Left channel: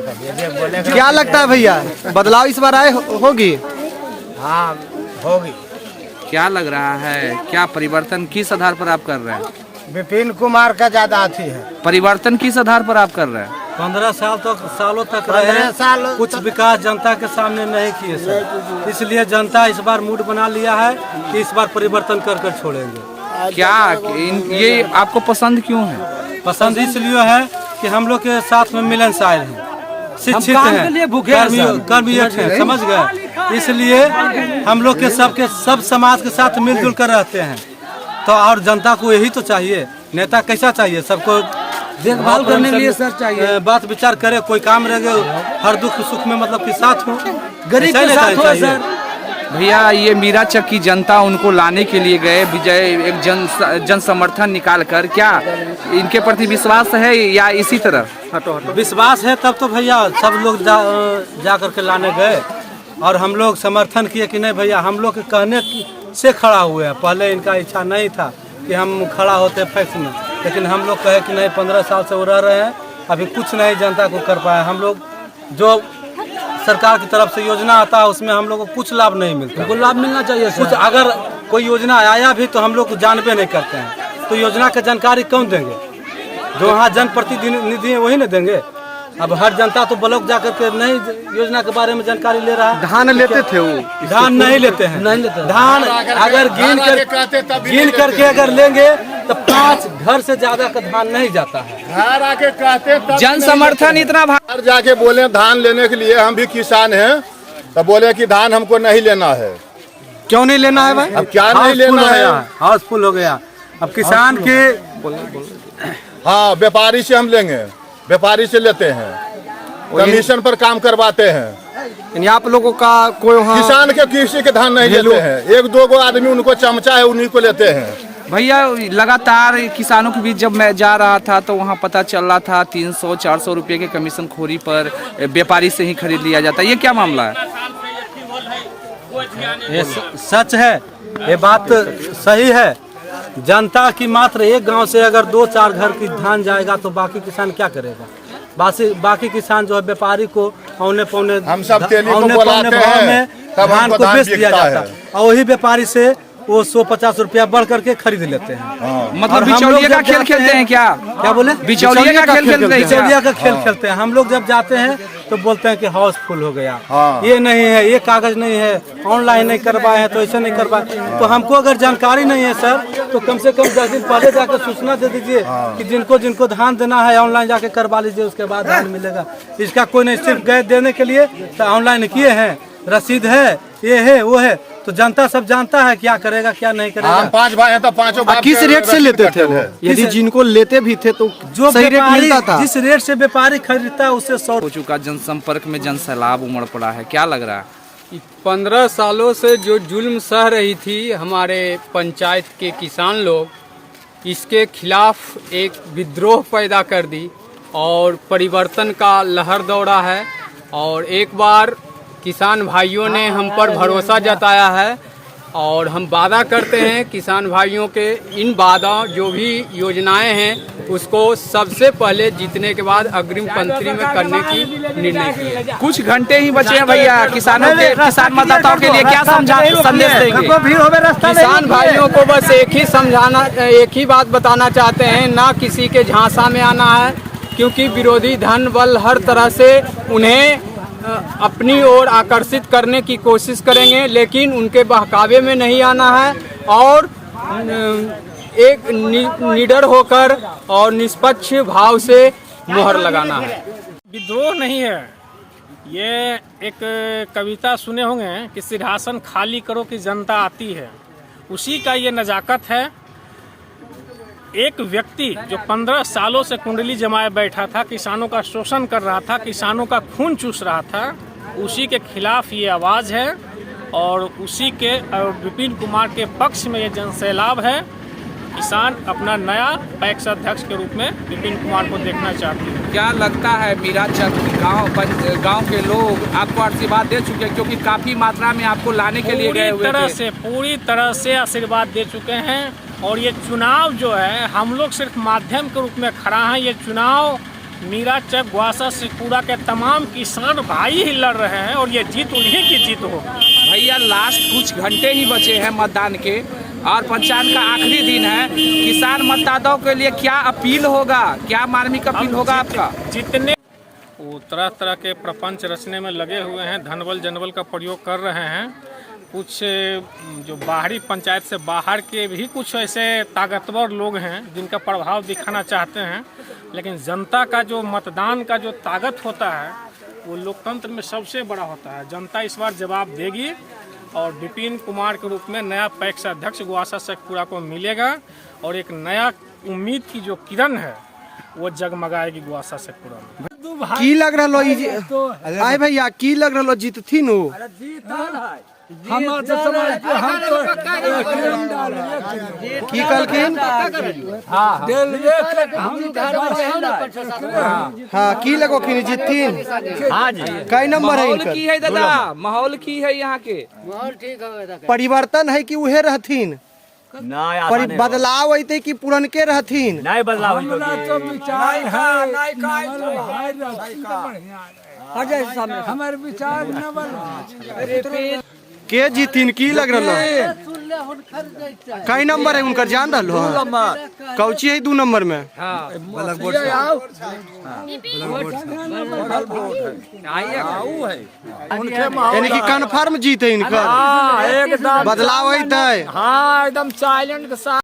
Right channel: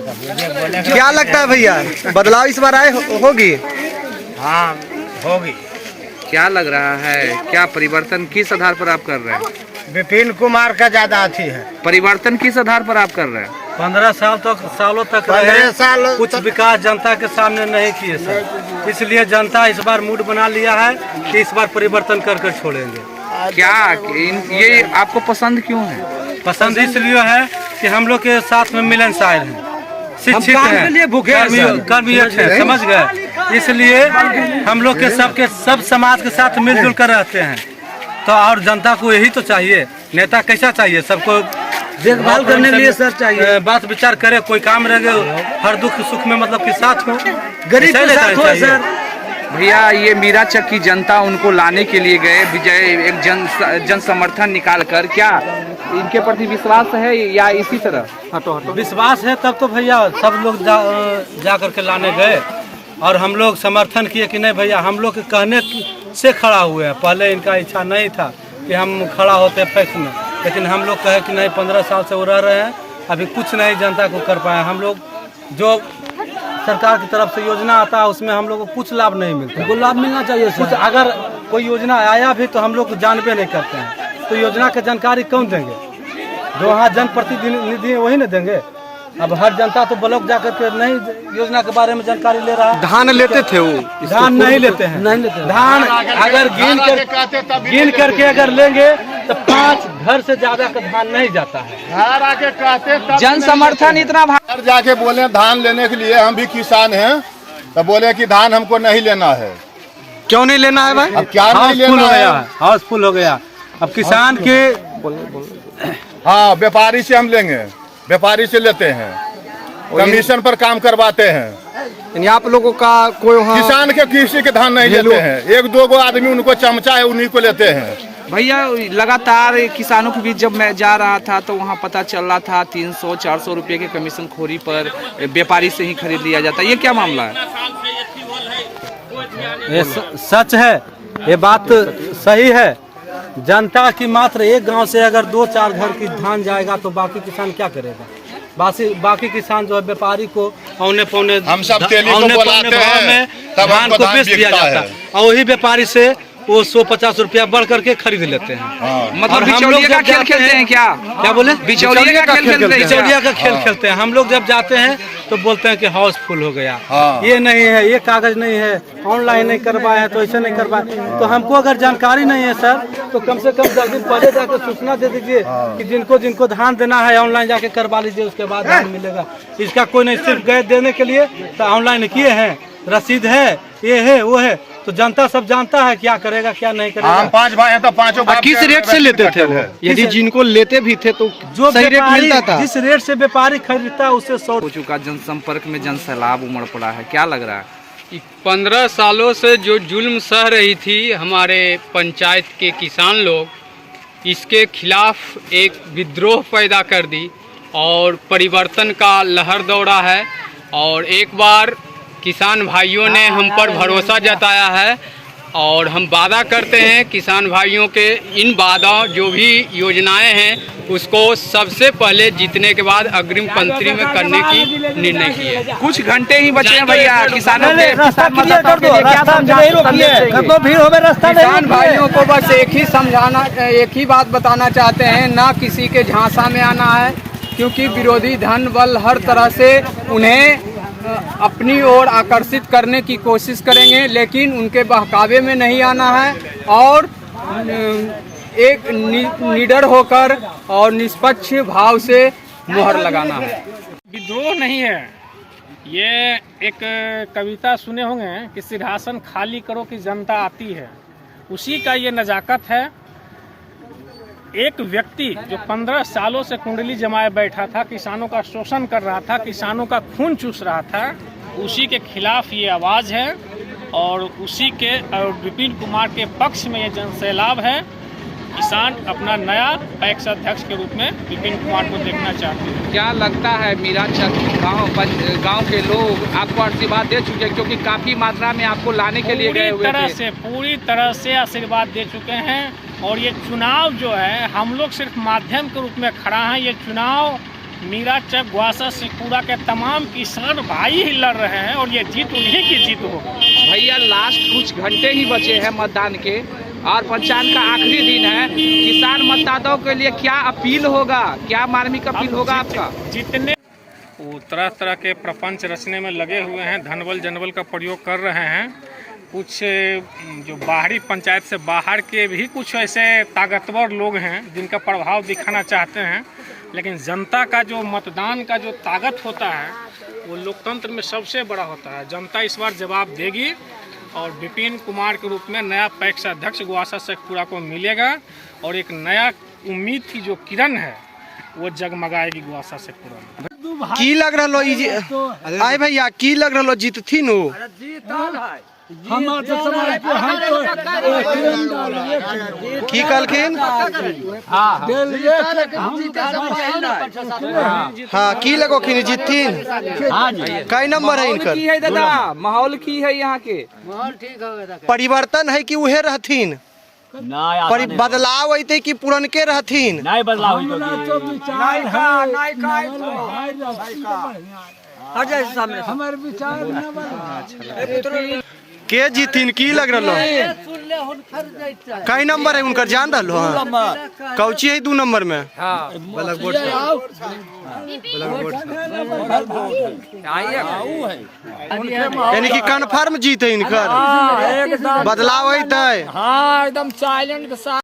क्या लगता है भैया, बदलाव इस बार होगी? हाँ होगी। क्या लग रहा है, क्या परिवर्तन किस आधार पर आप कर रहे हैं? विपिन कुमार का ज्यादा अथी है। परिवर्तन किस आधार पर आप कर रहे हैं? 15 सालों तक रहे, कुछ विकास जनता के सामने नहीं किए सर, इसलिए जनता इस बार मूड बना लिया है कि इस बार परिवर्तन कर कर छोड़ेंगे। क्या ये आपको पसंद क्यों है? पसंद इसलिए है कि हम लोग के साथ में मिलनसार हैं, शिक्षित हैं, कर्मठ हैं, समझ गए, इसलिए हम लोग के सब समाज के साथ मिलजुल कर रहते हैं। तो और जनता को यही तो चाहिए, नेता कैसा चाहिए, सबको देखभाल करने के लिए सर चाहिए, बात विचार करे, कोई काम रह गए हर दुख सुख में मतलब कि साथ हो, गरीब के साथ हो सर। भैया ये मीराचक की जनता उनको लाने के लिए गए, विजय एक जन समर्थन निकाल कर, क्या इनके प्रति विश्वास है या इसी तरह? विश्वास है तब तो भैया सब लोग जा करके लाने गए और हम लोग समर्थन किए कि नहीं भैया, हम लोग के कहने से खड़ा हुए हैं। पहले इनका इच्छा नहीं था कि हम खड़ा होते फैक्स में, लेकिन हम लोग कहे कि नहीं, 15 साल से वो रह रहे हैं, अभी कुछ नहीं जनता को कर पाए। हम लोग जो सरकार की तरफ से योजना आता है उसमें हम लोग को कुछ लाभ नहीं मिलता। को लाभ मिलना चाहिए कुछ, अगर कोई योजना आया भी तो हम लोग जानबे नहीं करते हैं, तो योजना की जानकारी कौन देंगे? जो वहाँ जनप्रतिनिधि वही न देंगे। अब हर जनता तो ब्लॉक जाकर के नहीं योजना के बारे में जानकारी ले रहा है। धान लेते थे वो, धान नहीं लेते हैं, नहीं लेते। धान अगर गिन करके अगर लेंगे तो 5 घर से ज्यादा का धान नहीं जाता है। घर आके कहते जन समर्थन इतना घर जाके बोले धान लेने के लिए, हम भी किसान हैं, तो बोले कि धान हमको नहीं लेना है। क्यों नहीं लेना है भाई? अब क्या नहीं लेना है? हाउसफुल हो गया। अब किसान के हाँ, व्यापारी से हम लेंगे, व्यापारी से लेते हैं, कमीशन पर काम करवाते हैं। आप लोगों का कोई वहाँ किसान के किसी के धान नहीं लेते हैं, 1-2 आदमी उनको चमचा है उन्हीं को लेते हैं। भैया लगातार किसानों के बीच जब मैं जा रहा था तो वहाँ पता चल रहा था 300-400 रुपये के कमीशन खोरी पर व्यापारी से ही खरीद लिया जाता है। ये क्या मामला है? ये सच है, ये बात सही है। जनता की मात्र एक गांव से अगर 2-4 घर की धान जाएगा तो बाकी किसान क्या करेगा? बाकी किसान जो है व्यापारी को औने पौने हम सब भाव में धान को बेच दिया जाता है और वही व्यापारी से वो 100-50 रुपया बढ़ करके खरीद लेते हैं। मतलब हम लोग जब खेल खेलते हैं, क्या बोले, बिचौलिया का खेल खेलते हैं। हम लोग जब जाते हैं तो बोलते हैं कि हाउसफुल हो गया, ये नहीं है, ये कागज नहीं है, ऑनलाइन नहीं करवाए हैं, तो ऐसे नहीं करवाए। तो हमको अगर जानकारी नहीं है सर, तो कम से कम 10 दिन पहले जाकर सूचना दे दीजिए कि जिनको धान देना है ऑनलाइन जाके करवा लीजिए, उसके बाद धान मिलेगा। इसका कोई नहीं, सिर्फ गए देने के लिए तो ऑनलाइन किए हैं, रसीद है, ये है वो है, तो जनता सब जानता है क्या करेगा क्या नहीं करेगा। 5 भाई हैं तो 5 किस रेट से लेते थे वो? यदि जिनको लेते भी थे तो जो सही रेट मिलता था? जिस रेट से व्यापारी खरीदता है उससे 100 हो चुका। जनसंपर्क में जन सैलाब उमड़ पड़ा है, क्या लग रहा है? 15 सालों से जो जुल्म सह रही थी हमारे पंचायत के किसान लोग, इसके खिलाफ एक विद्रोह पैदा कर दी और परिवर्तन का लहर दौड़ा है। और एक बार किसान भाइयों ने हम पर भरोसा जताया है और हम वादा करते हैं किसान भाइयों के इन वादा जो भी योजनाएं हैं उसको सबसे पहले जीतने के बाद अग्रिम पंक्ति में करने की निर्णय किए। कुछ घंटे ही बचे हैं भैया, किसान मतदाताओं के लिए क्या संदेश देंगे? किसान भाइयों को बस एक ही बात बताना चाहते हैं, ना किसी के झांसा में आना है, क्योंकि विरोधी धन बल हर तरह से उन्हें अपनी ओर आकर्षित करने की कोशिश करेंगे, लेकिन उनके बहकावे में नहीं आना है और एक निडर होकर और निष्पक्ष भाव से मुहर लगाना है। विद्रोह नहीं है, ये एक कविता सुने होंगे कि सिंहासन खाली करो कि जनता आती है, उसी का ये नजाकत है। एक व्यक्ति जो 15 सालों से कुंडली जमाए बैठा था, किसानों का शोषण कर रहा था, किसानों का खून चूस रहा था, उसी के खिलाफ ये आवाज़ है और उसी के विपिन कुमार के पक्ष में ये जन सैलाब है। किसान अपना नया पैक्स अध्यक्ष के रूप में विपिन कुमार को देखना चाहते हैं। क्या लगता है मीराचक गांव के लोग आपको आशीर्वाद दे चुके हैं, क्योंकि काफी मात्रा में आपको लाने के लिए गए हुए थे? पूरी तरह से आशीर्वाद दे चुके हैं और ये चुनाव जो है हम लोग सिर्फ माध्यम के रूप में खड़ा है। ये चुनाव मीराचक ग्वासा शेखपुरा के तमाम किसान भाई ही लड़ रहे हैं और ये जीत उन्हीं की जीत होगी। भैया लास्ट कुछ घंटे ही बचे हैं मतदान के और पंचायत का आखिरी दिन है। किसान मतदाताओं के लिए क्या अपील होगा, क्या मार्मिक अपील होगा आपका? जितने वो तरह तरह के प्रपंच रचने में लगे हुए हैं, धनबल जनबल का प्रयोग कर रहे हैं। कुछ जो बाहरी पंचायत से बाहर के भी कुछ ऐसे ताकतवर लोग हैं जिनका प्रभाव दिखाना चाहते हैं, लेकिन जनता का जो मतदान का जो ताकत होता है वो लोकतंत्र में सबसे बड़ा होता है। जनता इस बार जवाब देगी और विपिन कुमार के रूप में नया पैक्स अध्यक्ष ग्वासा शेखपुरा को मिलेगा और एक नया उम्मीद की जो किरण है वो जगमगाएगी ग्वासा शेखपुरा में। की लग रहा आए भैया, की लग रहा जीत थी नो? की कहलखिन? हाँ, की लगोखिन जीतथिन? कई नंबर है इनकर? दादा माहौल की है यहाँ के? परिवर्तन है कि उहे रहथिन? बदलाव अते कि पुरनके रहथिन? नहीं बदलाव हमारे विचार के जीतिन? की लग रहा? कई नंबर है उनकर जान रहा? कौची है 2 नंबर में? यानी कि कन्फर्म जीत है इनकर? बदलाव है? हाँ, एकदम साइलेंट के साथ